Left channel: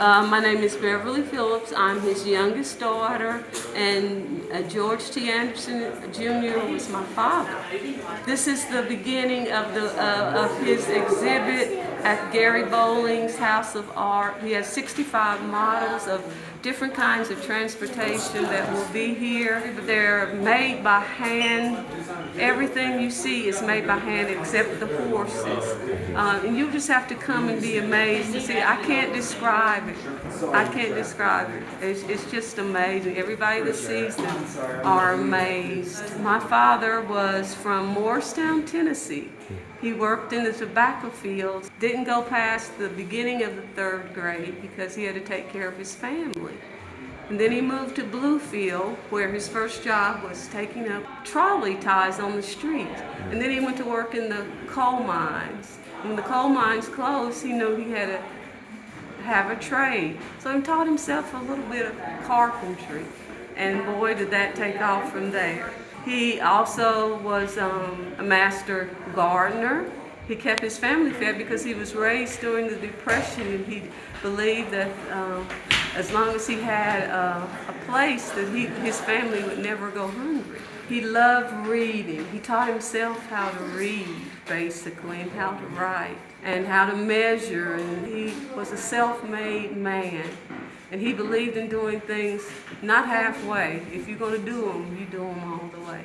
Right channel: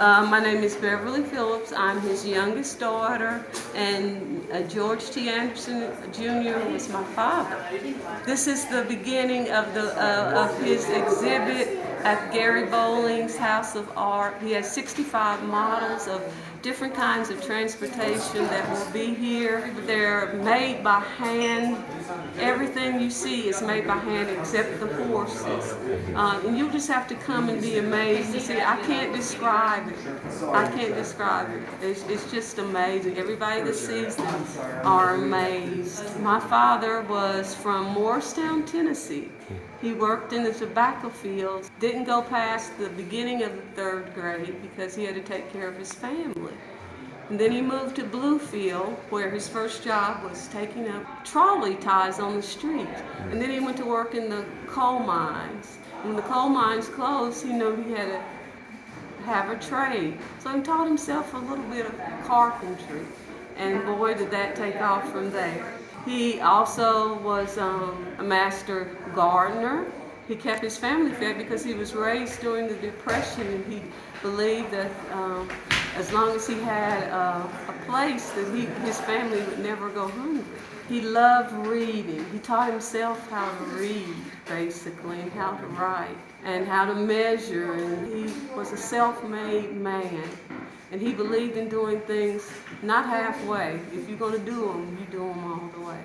My name is Beverly Phillips. I'm his youngest daughter, and George T. Anderson Jr. was my father. This is the beginning of his exhibit at Gary Bowling's House of Art. He has 65 models of different kinds of transportation that will be here. They're made by hand. Everything you see is made by hand except the horses. And you just have to come and be amazed to see it. I can't describe it. I can't describe it. It's just amazing. Everybody that sees them are amazed. My father was from Morristown, Tennessee. He worked in the tobacco fields, didn't go past the beginning of the 3rd grade because he had to take care of his family. And then he moved to Bluefield, where his first job was taking up trolley ties on the street. And then he went to work in the coal mines. When the coal mines closed, he knew he had to have a trade. So he taught himself a little bit of carpentry. And boy, did that take off from there. He also was a master gardener. He kept his family fed because he was raised during the Depression, and he believed that as long as he had a place, that his family would never go hungry. He loved reading. He taught himself how to read, basically, and how to write, and how to measure. And he was a self-made man. And he believed in doing things not halfway. If you're going to do them, you do them all the way.